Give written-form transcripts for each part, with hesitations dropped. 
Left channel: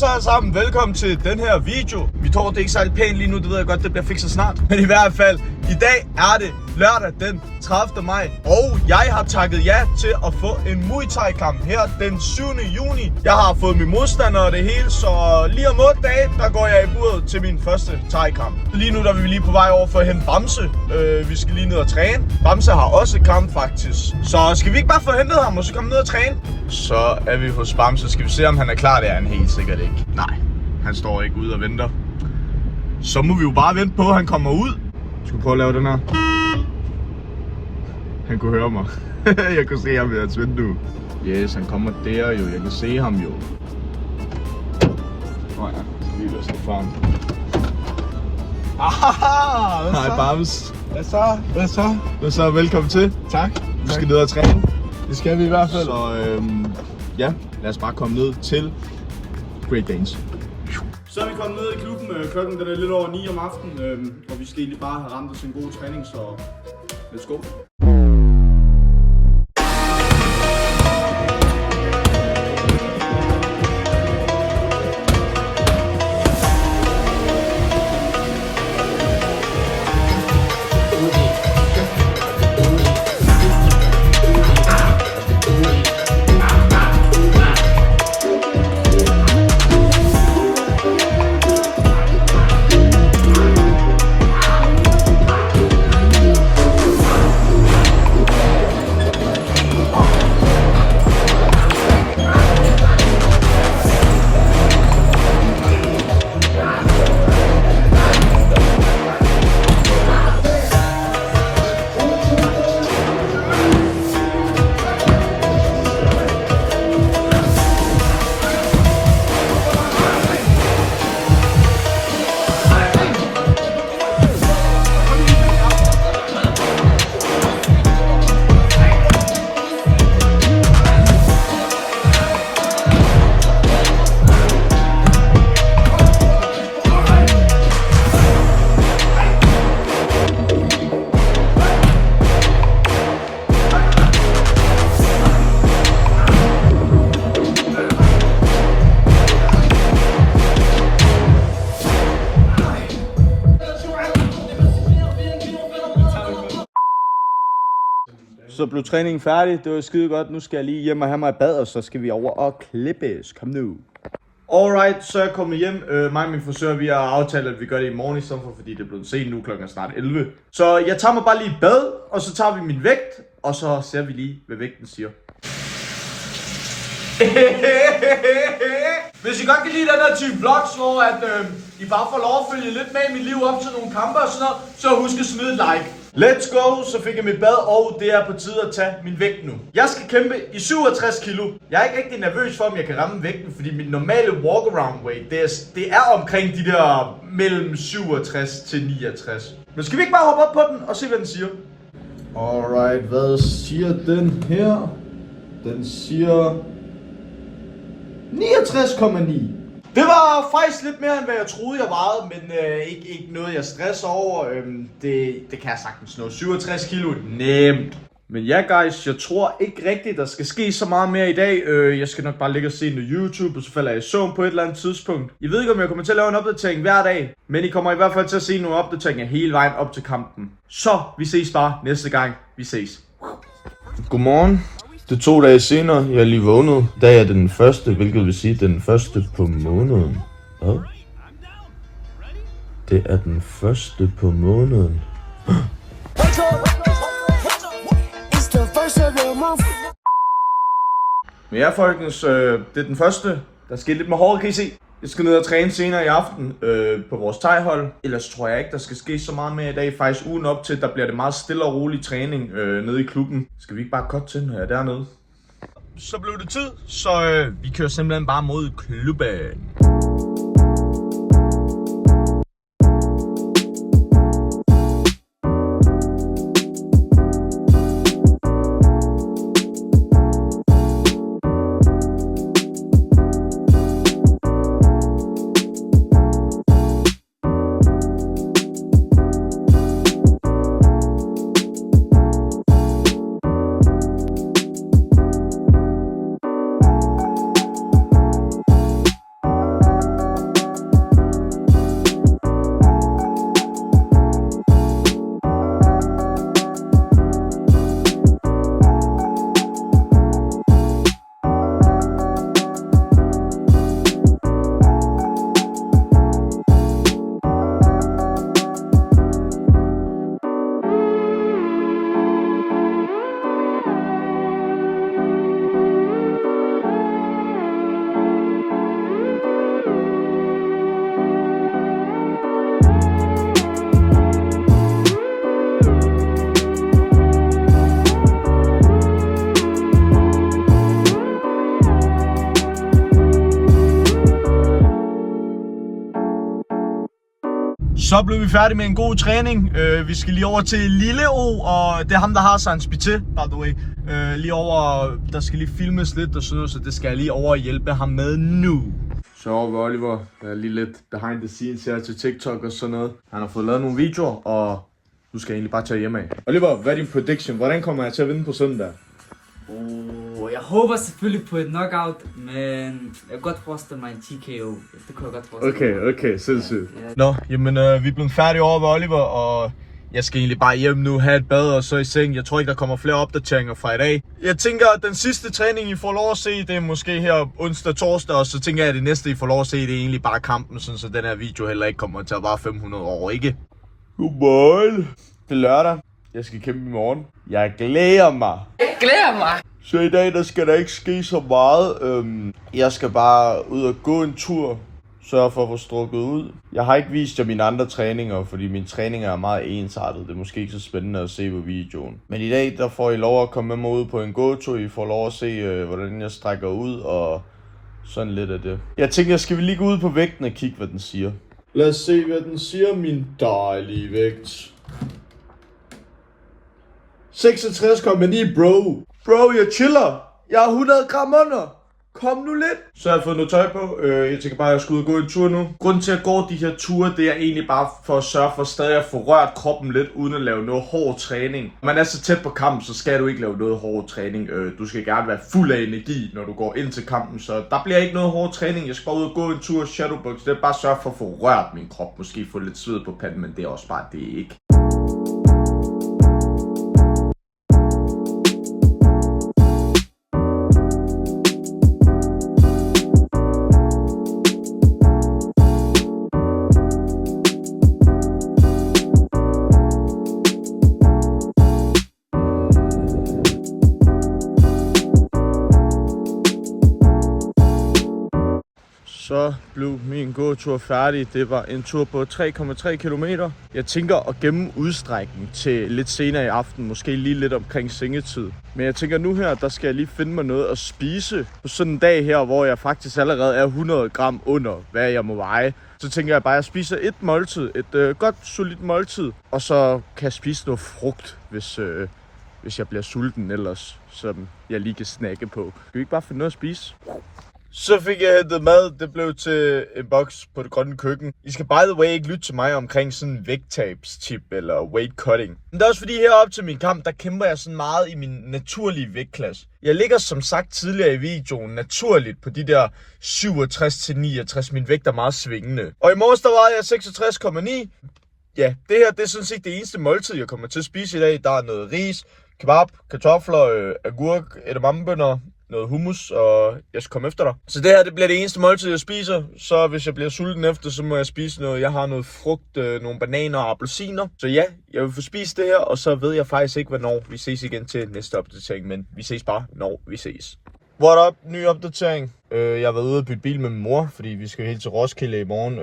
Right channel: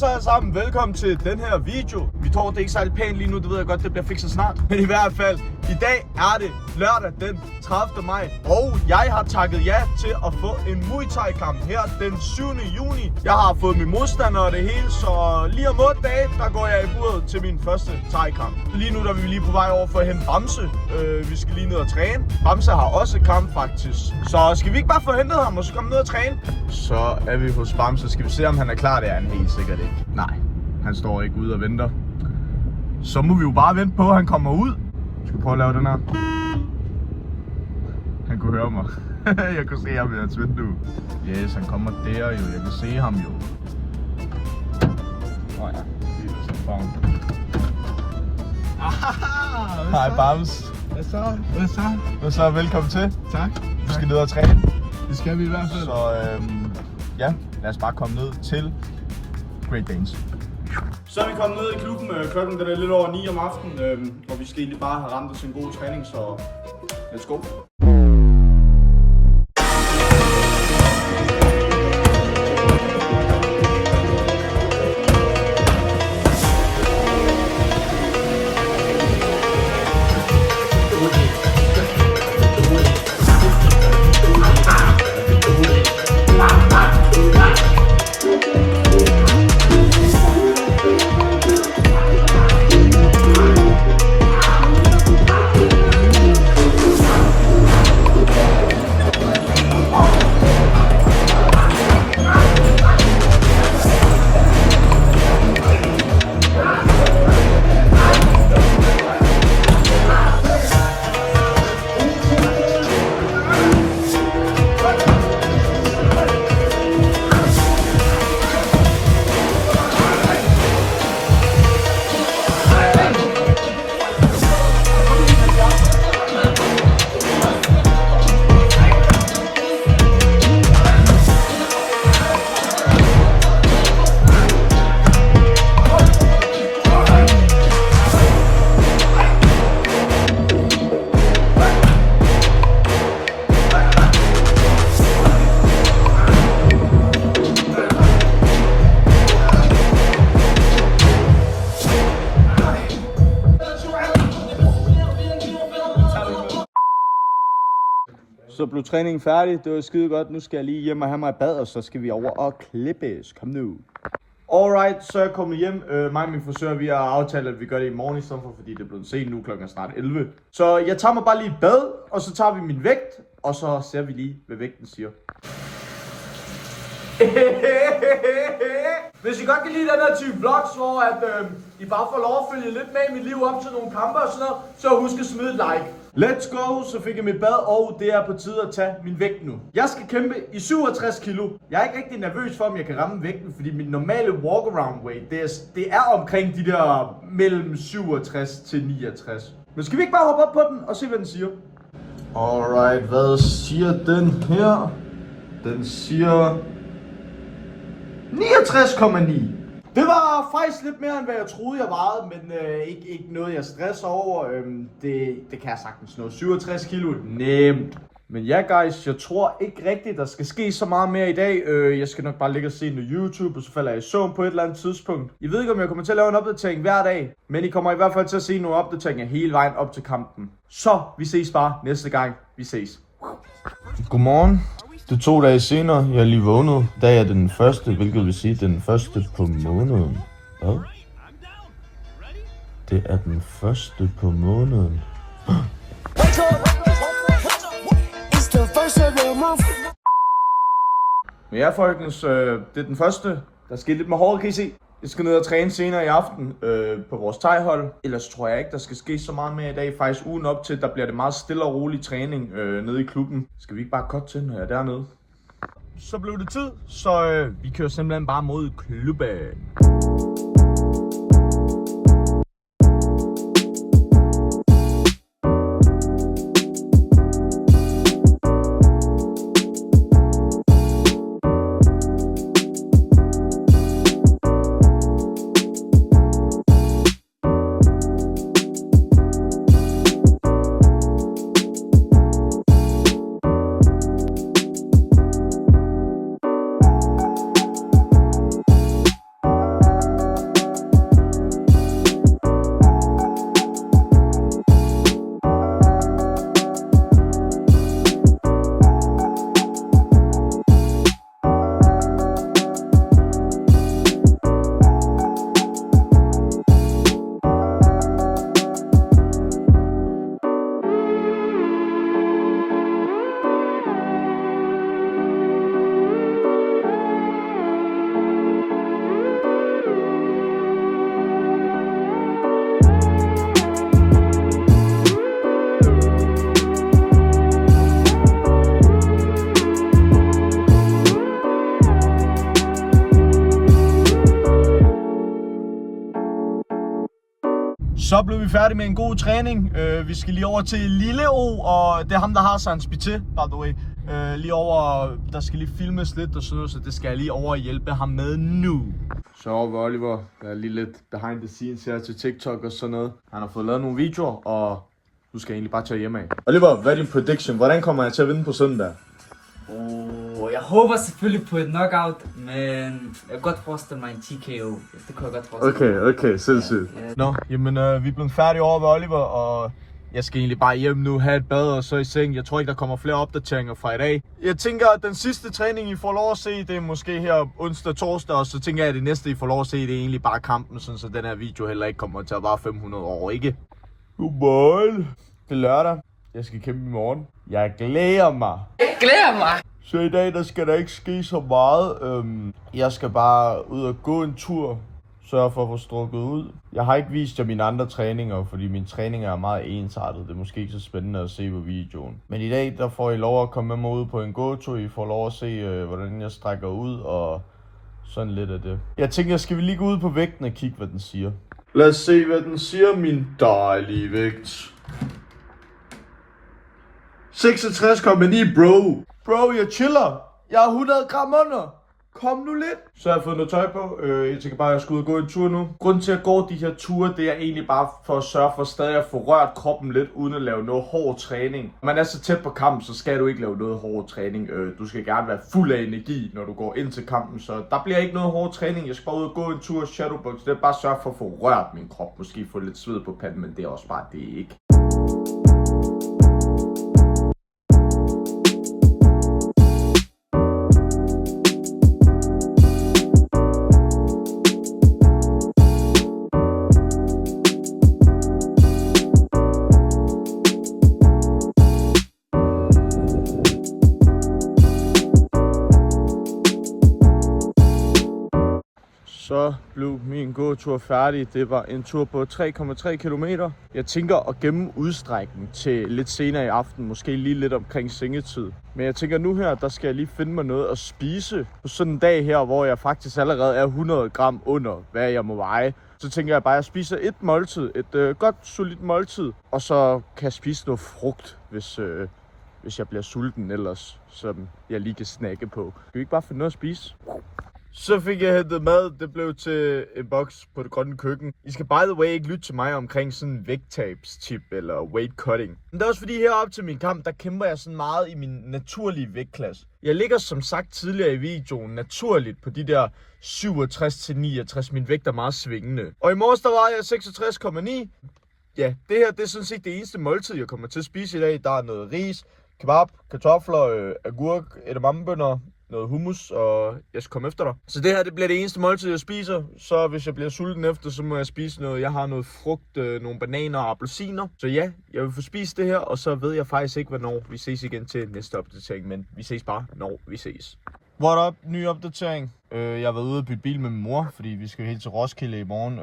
så alle sammen, velkommen til den her video. Vi tror, det er ikke særlig pænt lige nu, det ved jeg godt, det bliver fikset snart. Men i hvert fald, i dag er det lørdag den 30. maj, og jeg har takket ja til at få en Muay Thai kamp her den 7. juni. Jeg har fået min modstander og det hele, så lige om 8 dage, der går jeg i buret til min første Thai-kamp. Lige nu der er vi lige på vej over for at hente Bamse. Vi skal lige ned og træne. Bamse har også kamp faktisk. Så skal vi ikke bare få hentet ham og så komme ned og træne? Så er vi hos Bamse. Skal vi se om han er klar? Det er han helt sikkert ikke. Nej, han står ikke ude og venter. Så må vi jo bare vente på, at han kommer ud. Jeg skal prøve at lave den her. Han kunne høre mig. Jeg kunne se ham ved hans vindue. Yes, han kommer der jo. Jeg kan se ham jo. Åh ja, lige ved sådan farm. Hej Bams. Hvad så? Velkommen til. Tak. Vi skal ned og træne. Det skal vi i hvert fald. Så ja, lad os bare komme ned til Great Danes. Så er vi kommet ned i klubben. Klokken den er lidt over 9 om aftenen, og vi skal egentlig bare have ramt os en god træning, så let's go. Så blev træningen færdig, det var skide godt. Nu skal jeg lige hjem og have mig i bad, og så skal vi over og klippes. Kom nu. Alright, så er jeg kommet hjem. Mig og min frisør, vi har aftalt, at vi gør det i morgen i stedet for, fordi det er blevet sent nu, klokken er snart 11. Så jeg tager mig bare lige i bad, og så tager vi min vægt, og så ser vi lige, hvad vægten siger. Hvis I godt kan lide den her type vlogs, hvor I bare får lov at følge lidt med i mit liv op til nogle kampe og sådan noget, så husk at smide et like. Let's go, så fik jeg mit bad, og det er på tide at tage min vægt nu. Jeg skal kæmpe i 67 kilo. Jeg er ikke rigtig nervøs for, om jeg kan ramme vægten, fordi mit normale walk-around weight, det er omkring de der mellem 67 til 69. Men skal vi ikke bare hoppe op på den og se, hvad den siger? Alright, hvad siger den her? Den siger 69,9. Det var faktisk lidt mere, end hvad jeg troede, jeg vejede, men ikke noget, jeg stresser over. Det kan jeg sagtens slå. 67 kilo, nemt. Men ja, guys, jeg tror ikke rigtigt, der skal ske så meget mere i dag. Jeg skal nok bare ligge og se noget YouTube, og så falder jeg i søvn på et eller andet tidspunkt. Jeg ved ikke, om jeg kommer til at lave en opdatering hver dag, men I kommer i hvert fald til at se nogle opdateringer hele vejen op til kampen. Så vi ses bare næste gang. Vi ses. Godmorgen. Det er 2 dage senere, jeg er lige vågnet. Dag er den første, hvilket vil sige den første på måneden. Hvad? Det er den første på måneden. Men ja, folkens, det er den første. Der sker lidt med håret, kan I se. Jeg skal ned og træne senere i aften på vores thai-hold. Ellers tror jeg ikke, der skal ske så meget mere i dag. Faktisk ugen op til, der bliver det meget stille og rolig træning nede i klubben. Skal vi ikke bare cutte til, når jeg er dernede? Så blev det tid, så vi kører simpelthen bare mod klubben. Så blev vi færdige med en god træning. Vi skal lige over til Lille O, og det er ham, der har Sans Pité, by the way. Lige over, der skal lige filmes lidt og sådan noget, så det skal jeg lige over og hjælpe ham med nu. Så over ved Oliver, der er lige lidt behind the scenes her til TikTok og sådan noget. Han har fået lavet nogle videoer, og nu skal jeg egentlig bare tage hjem af. Oliver, hvad er din prediction? Hvordan kommer jeg til at vinde på søndag? Jeg håber selvfølgelig på et knockout, men jeg kan godt forestille mig en TKO. Det kunne jeg godt forestille mig. Okay, sindssygt. Nå, jamen vi er blevet færdige over ved Oliver, og jeg skal egentlig bare hjem nu, have et bad og så i seng. Jeg tror ikke, der kommer flere opdateringer fra i dag. Jeg tænker, at den sidste træning, I får lov at se, det er måske her onsdag, torsdag, og så tænker jeg, at det næste, I får lov at se, det er egentlig bare kampen, sådan så den her video heller ikke kommer til at vare 500 år, ikke? Godmorgen. Det er lørdag. Jeg skal kæmpe i morgen. Jeg glæder mig. Så i dag, der skal der ikke ske så meget. Jeg skal bare ud og gå en tur. Sørge for at få strukket ud. Jeg har ikke vist jer mine andre træninger, fordi mine træninger er meget ensartet. Det er måske ikke så spændende at se på videoen. Men i dag, der får I lov at komme med mig ud på en gåtur. I får lov at se, hvordan jeg strækker ud og sådan lidt af det. Jeg tænker, skal vi lige gå ud på vægten og kigge, hvad den siger. Lad os se, hvad den siger, min dejlige vægt. 66,9, bro. Bro, jeg chiller. Jeg er 100 gram under. Kom nu lidt. Så har jeg fået noget tøj på. Jeg tænker bare, at jeg skal ud og gå en tur nu. Grunden til at gå de her ture, det er egentlig bare for at sørge for stadig at få rørt kroppen lidt, uden at lave noget hård træning. Når man er så tæt på kampen, så skal du ikke lave noget hård træning. Du skal gerne være fuld af energi, når du går ind til kampen. Så der bliver ikke noget hård træning. Jeg skal bare ud og gå en tur shadowbox. Det er bare at sørge for at få rørt min krop. Måske få lidt sved på panden, men det er også bare det ikke. Så blev min gåtur færdig. Det var en tur på 3,3 km. Jeg tænker at gemme udstrækning til lidt senere i aften, måske lige lidt omkring sengetid. Men jeg tænker nu her, der skal jeg lige finde mig noget at spise på sådan en dag her, hvor jeg faktisk allerede er 100 gram under, hvad jeg må veje. Så tænker jeg bare, at jeg spiser et måltid, et godt solidt måltid, og så kan jeg spise noget frugt, hvis jeg bliver sulten ellers, som jeg lige kan snakke på. Kan vi ikke bare finde noget at spise? Så fik jeg hentet mad. Det blev til en boks på det grønne køkken. I skal by the way ikke lytte til mig omkring sådan en vægttabstip eller weight cutting. Men det er også fordi heroppe til min kamp, der kæmper jeg sådan meget i min naturlige vægtklasse. Jeg ligger som sagt tidligere i videoen naturligt på de der 67-69. Min vægt er meget svingende. Og i morges der var jeg 66,9. Ja, det her det er sådan set det eneste måltid, jeg kommer til at spise i dag. Der er noget ris, kebab, kartofler, agurk, edamamebønner, noget hummus, og jeg skal komme efter dig. Så det her, det bliver det eneste måltid, jeg spiser. Så hvis jeg bliver sulten efter, så må jeg spise noget. Jeg har noget frugt, nogle bananer og appelsiner. Så ja, jeg vil få spist det her, og så ved jeg faktisk ikke, hvornår vi ses igen til næste opdatering. Men vi ses bare, når vi ses. What up? Ny opdatering. Jeg har været ude og bytte bil med min mor, fordi vi skal helt til Roskilde i morgen.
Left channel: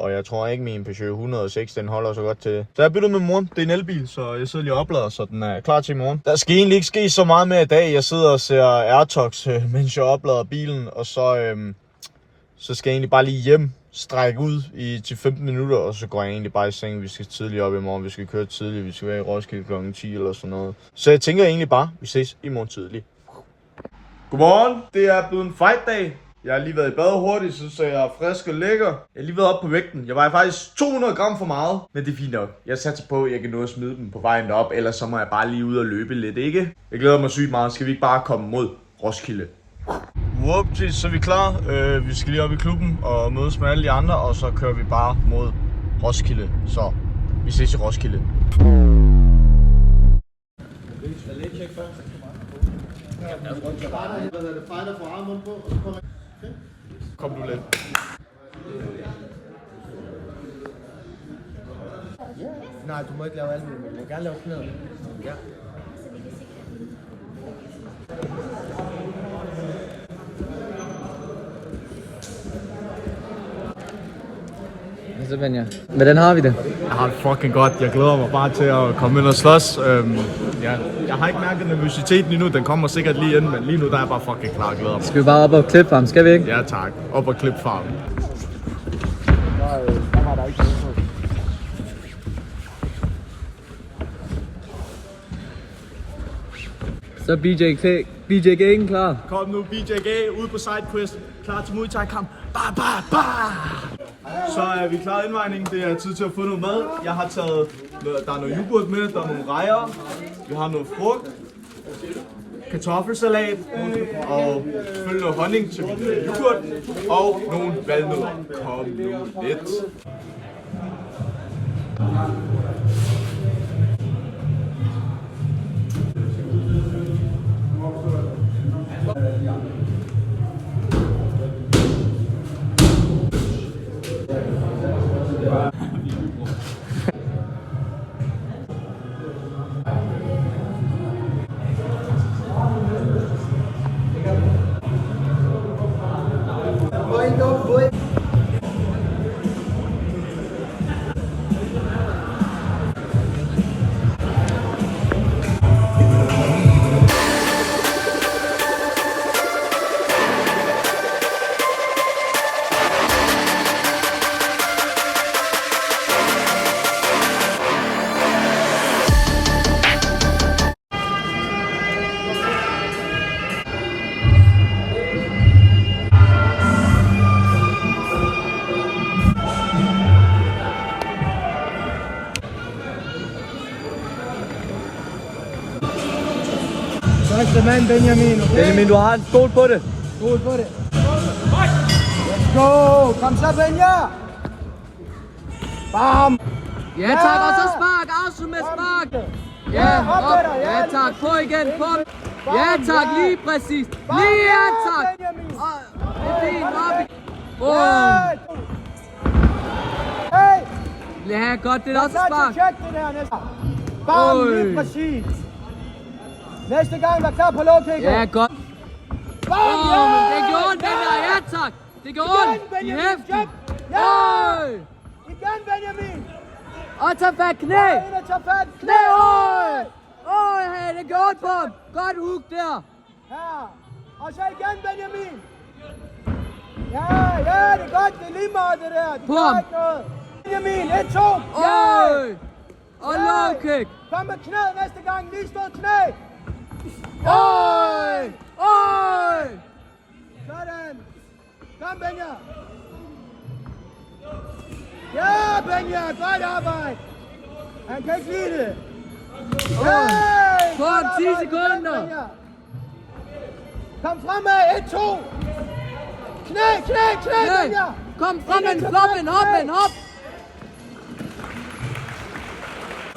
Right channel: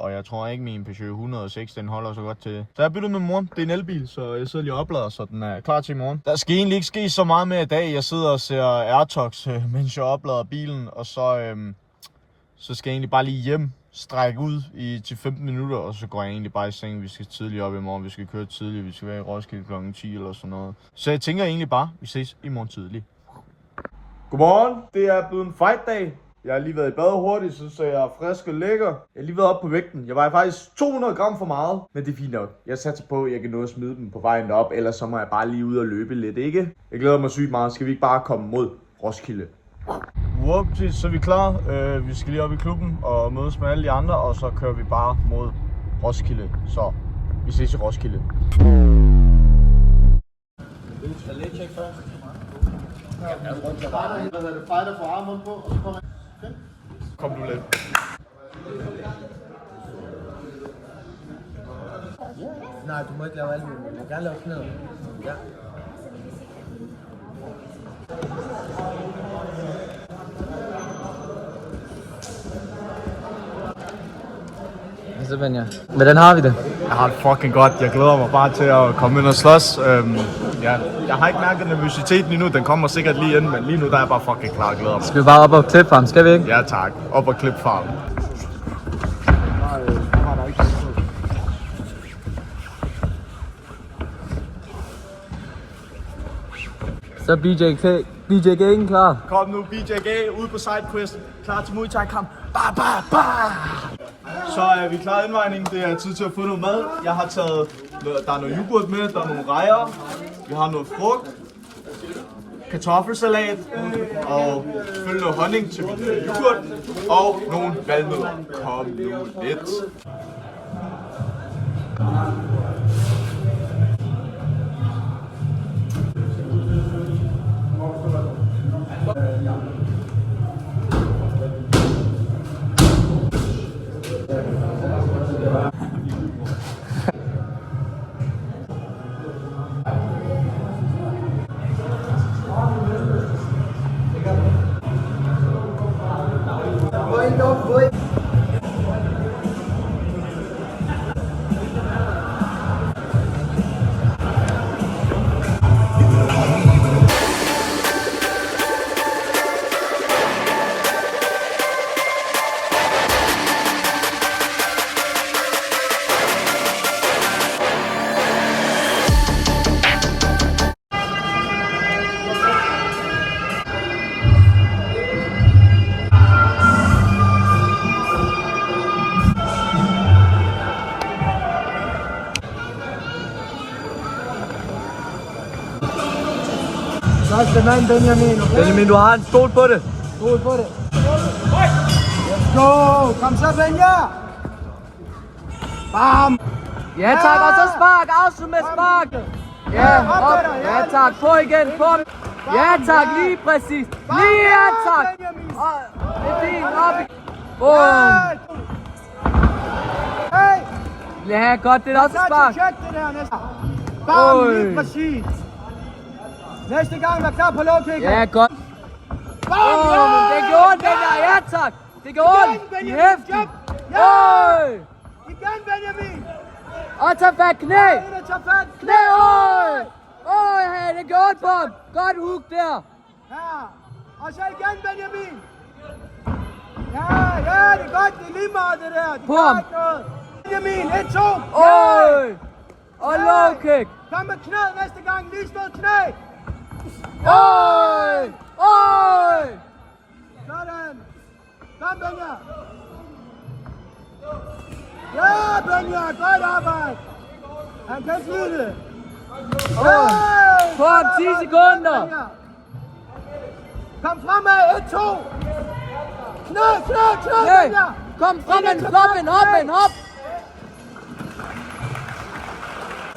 Og jeg tror ikke, min Peugeot 106, den holder så godt til. Så jeg har byttet med min mor. Det er en elbil, så jeg sidder lige og oplader, så den er klar til i morgen. Der skal egentlig ikke ske så meget mere i dag. Jeg sidder og ser AirTalks, mens jeg oplader bilen. Og så skal jeg egentlig bare lige hjem, strække ud til 15 minutter, og så går jeg egentlig bare i seng. Vi skal tidligt op i morgen, vi skal køre tidligt, vi skal være i Roskilde kl. 10 eller sådan noget. Så jeg tænker egentlig bare, vi ses i morgen tidligt. Godmorgen, det er blevet en fight-dag. Jeg har lige været i bad hurtigt, så jeg er frisk og lækker. Jeg har lige været op på vægten. Jeg vejer faktisk 200 gram for meget, men det er fint nok. Jeg satser på, at jeg kan nå at smide dem på vejen op, ellers så må jeg bare lige ud og løbe lidt, ikke? Jeg glæder mig sygt meget. Skal vi ikke bare komme mod Roskilde? Whoopties, så er vi klar. Vi skal lige op i klubben og mødes med alle de andre, og så kører vi bare mod Roskilde. Så vi ses i Roskilde. Fighter får armen på, og så kommer jeg. Kom du lidt. Nej, du må ikke lave alt muligt. Du må gerne lave knæder. Ja. Så Benja, hvordan har vi det? Jeg har det fucking godt. Jeg glæder mig bare til at komme ind og slås. Ja. Jeg har ikke mærket nervøsiteten endnu. Den kommer sikkert lige ind, men lige nu der er jeg bare fucking klar og glæder mig. Skal vi bare op og klippe farm, skal vi ikke? Ja tak. Op og klippe farm. Så BJ'en klar. Kom nu, BJG, ud på sidequest. Klar til Muay Thai kamp. Så er vi klar indvejning. Det er tid til at få noget mad. Jeg har taget, der er noget yoghurt med, der er nogle rejer. Vi har noget frugt. Kartoffelsalat. Og selvfølgelig noget honning til min yoghurt. Og nogle valnødder. Kom nu lidt. Første mand, Benjamin. Okay? Benjamin, du har en stol på det. Skål på det. Go! Kom så, Benja! Bam! Ja tak, og så spark. Afslut med spark. Ja, op. Ja tak, på igen. På. Ja tak, lige præcis. Lige ja tak. Og det er fint, op. Bum. Ja, godt, det er også et spark. Bam, lige præcis. Næste gang, der klar på low kick. Ja, godt. Men det gjorde ondt, den der. Ja tak. Det gjorde ondt. I hæften. Oj. Igen, Benjamin. Og tag fat knæ. Tag fat. Knæ, oj. Oj, det gjorde ondt på ham. Godt hook der. Ja. Og så igen, Benjamin. Ja, det er godt. Det er lige meget, det der. På ham. Benjamin, 1, 2. Oj. Og low kick. Kom med knæet næste gang. Lige stå knæ. Oj. Oj. Sådan. Kom, Benja. Ja, Benja. Godt arbejde. Han kan ikke lide det. På ham 10 sekunder. Kom fremad. 1, 2. Knæ, Nej. Benja. Kom frem, hop.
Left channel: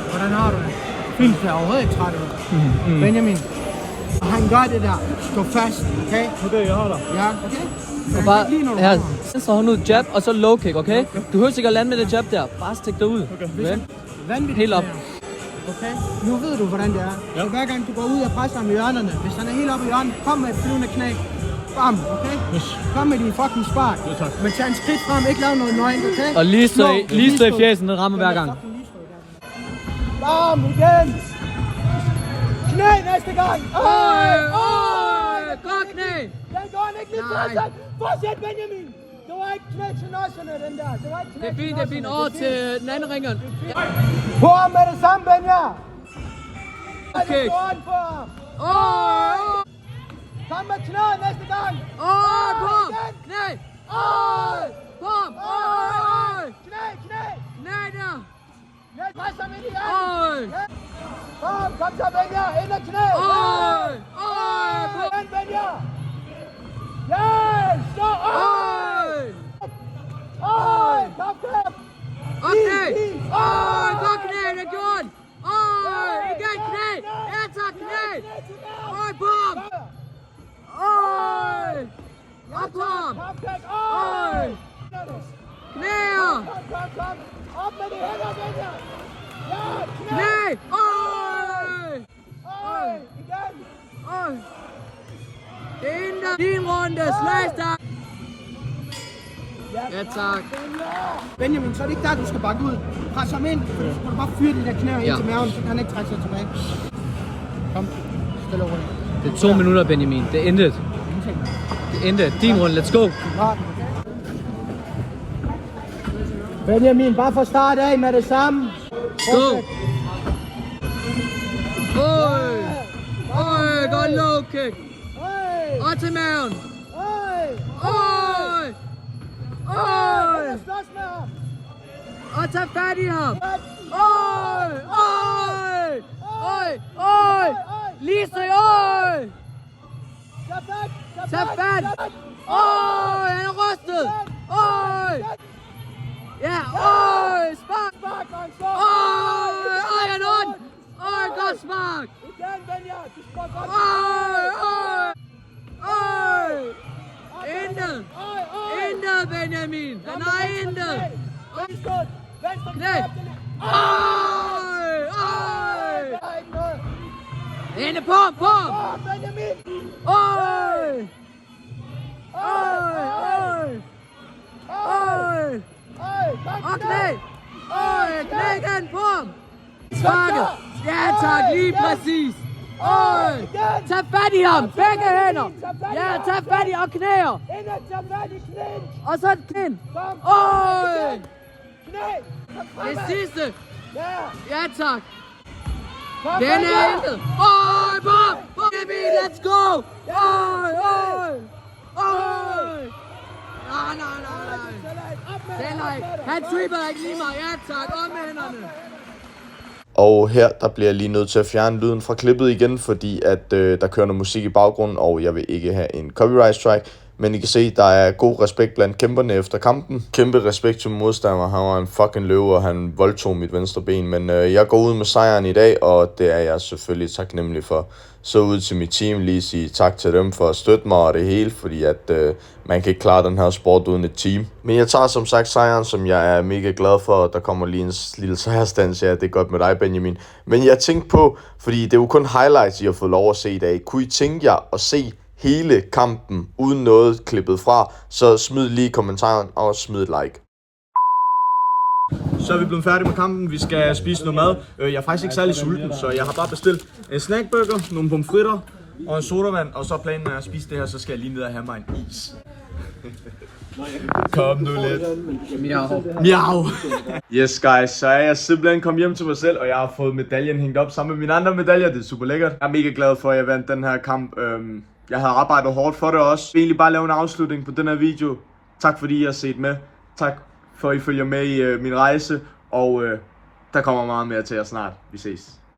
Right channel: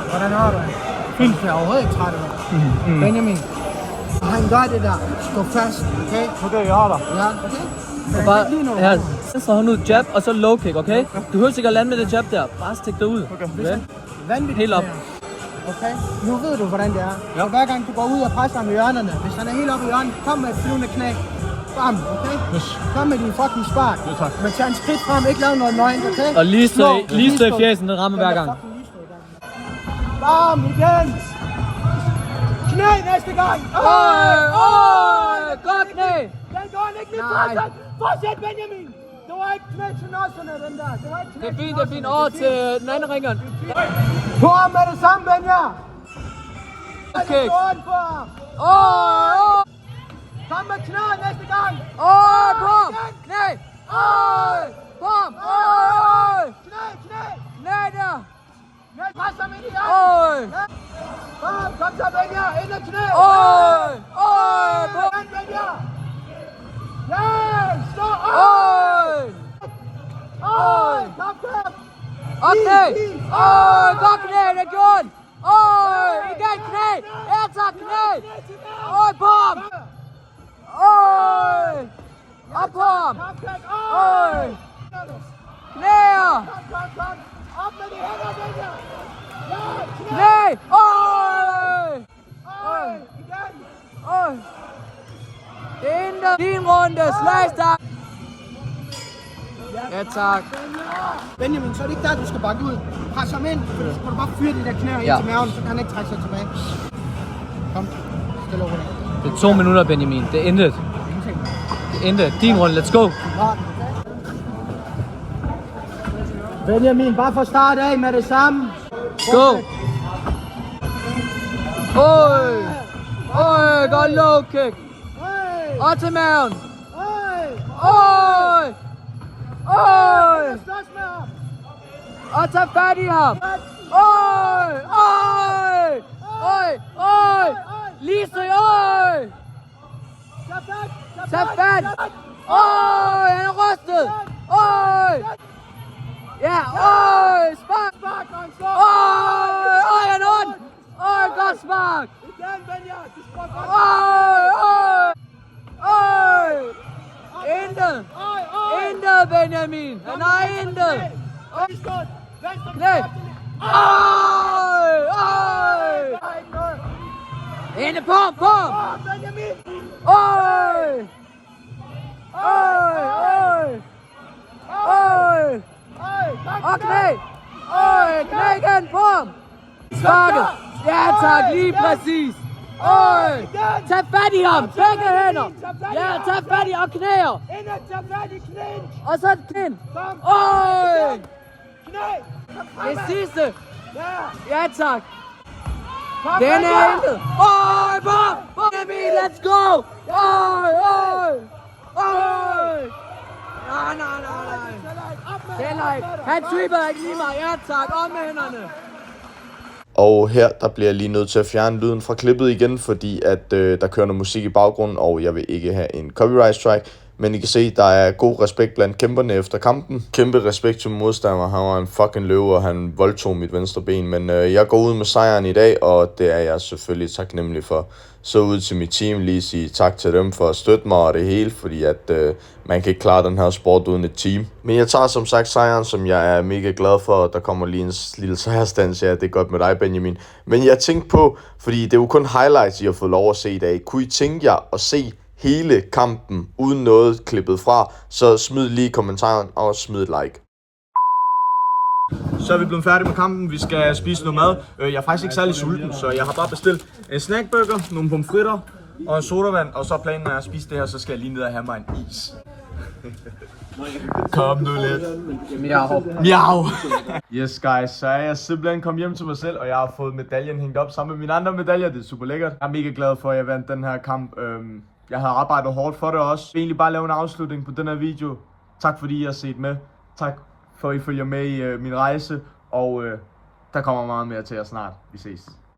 Hvordan har du det? Fint, jeg er overhovedet ikke træt af dig. Benjamin, han gør det der. Stå fast, okay? Okay, jeg har dig. Ja, okay? Og bare her, venstre hånd ud, jab, og så low kick, okay? Du behøver ikke at lande med det jab der. Bare stik dig ud. Okay. Vanvittigt. Helt op. Okay? Nu ved du, hvordan det er. Ja. Så hver gang du går ud og presser ham i hjørnerne, hvis han er helt oppe i hjørnet, kom med et flyvende knæ. Bam, okay? Yes. Kom med din fucking spark. Ja, tak. Men tag en skridt frem, ikke lave noget nøgent, okay? Og lige stå i fjæsen, det rammer hver gang. Bam, igen. Knæ næste gang. Godt knæ. Den går ikke lidt Nej. Fortsæt, Benjamin. Det var ikke knæ til nosserne, den der. Det er fint. Over til den anden ringeren. På ham med det samme, Benja. Okay. Kom med knæ næste gang. På ham. Knæ. På ham. Knæ. Knæ der. Pres ham ind i hjørnet. Kom så, Benja. Ind og knæ. På ham. Benja. Ja, stå op. Op knæ. Godt knæ, det er gjort. Igen knæ. Ja tak, knæ. På ham. Op på ham. Knæer. Knæ. Det er din runde. Slagstang. Ja tak. Benjamin, så er det ikke der, du skal bakke ud. Pres ham ind, så skal du bare fyre de der knæer ind til maven, så kan han ikke trække sig tilbage. Kom, stille og roligt. Det er 2 minutter, Benjamin. Det er intet. Din runde. Let's go. Benjamin, bare få start af med det samme. Go. godt low kick. Og til maven. Øj! Øj! Og tag fat i ham. Øj! Øj! Øj! Øj! Lise, øj! Tag fat! Øj! Han er rystet! Øj! Ja, øj! Spark! Øj! Øj, han er ondt! Øj, godt spark! Øj! Øj! Øj! Intet! Intet, Benjamin! Han har intet! Knæ! Øj! Øj! Inde på ham! Øj! Øj! Øj! Øj! Og knæ! Øj! Knæ igen på ham! Sparket! Ja tak, lige præcis! Øj! Tag fat i ham! Begge hænder! Ja, tag fat i og knæer! Og så den! Øj! Det sidste! Ja tak! Den er intet! Øj! Bom! Benjamin, let's go! Øj! Øj! Øj! Nej! Den er ikke! Han tripper ikke lige mig! Ja tak! Op med hænderne! Og her, der bliver jeg lige nødt til at fjerne lyden fra klippet igen, fordi at der kører noget musik i baggrunden, og jeg vil ikke have en copyright strike. Men I kan se, der er god respekt blandt kæmperne efter kampen. Kæmpe respekt til modstander. Han var en fucking løve, og han voldtog mit venstre ben. Men jeg går ud med sejren i dag, og det er jeg selvfølgelig taknemmelig for. Så ud til mit team, lige sige tak til dem for at støtte mig og det hele, fordi at man kan ikke klare den her sport uden et team. Men jeg tager som sagt sejren, som jeg er mega glad for. Der kommer lige en lille sejrstans, ja, det er godt med dig, Benjamin. Men jeg tænkte på, fordi det er jo kun highlights, I har fået lov at se i dag. Kunne I tænke jer at se hele kampen uden noget klippet fra, så smid lige kommentaren og smid et like. Så er vi blevet færdige med kampen. Vi skal spise noget mad. Jeg er faktisk ikke særlig sulten, så jeg har bare bestilt en snackburger, nogle pomfritter og en sodavand. Og så planen er at spise det her, så skal jeg lige ned og have mig en is. Kom nu lidt. Miau. Yes guys, så er jeg simpelthen kommet hjem til mig selv, og jeg har fået medaljen hængt op sammen med mine andre medaljer. Det er super lækkert. Jeg er mega glad for, at jeg vandt den her kamp. Jeg havde arbejdet hårdt for det også. Jeg vil egentlig bare lave en afslutning på den her video. Tak fordi I har set med. Tak for at I følger med i min rejse. Og der kommer meget mere til jer snart. Vi ses.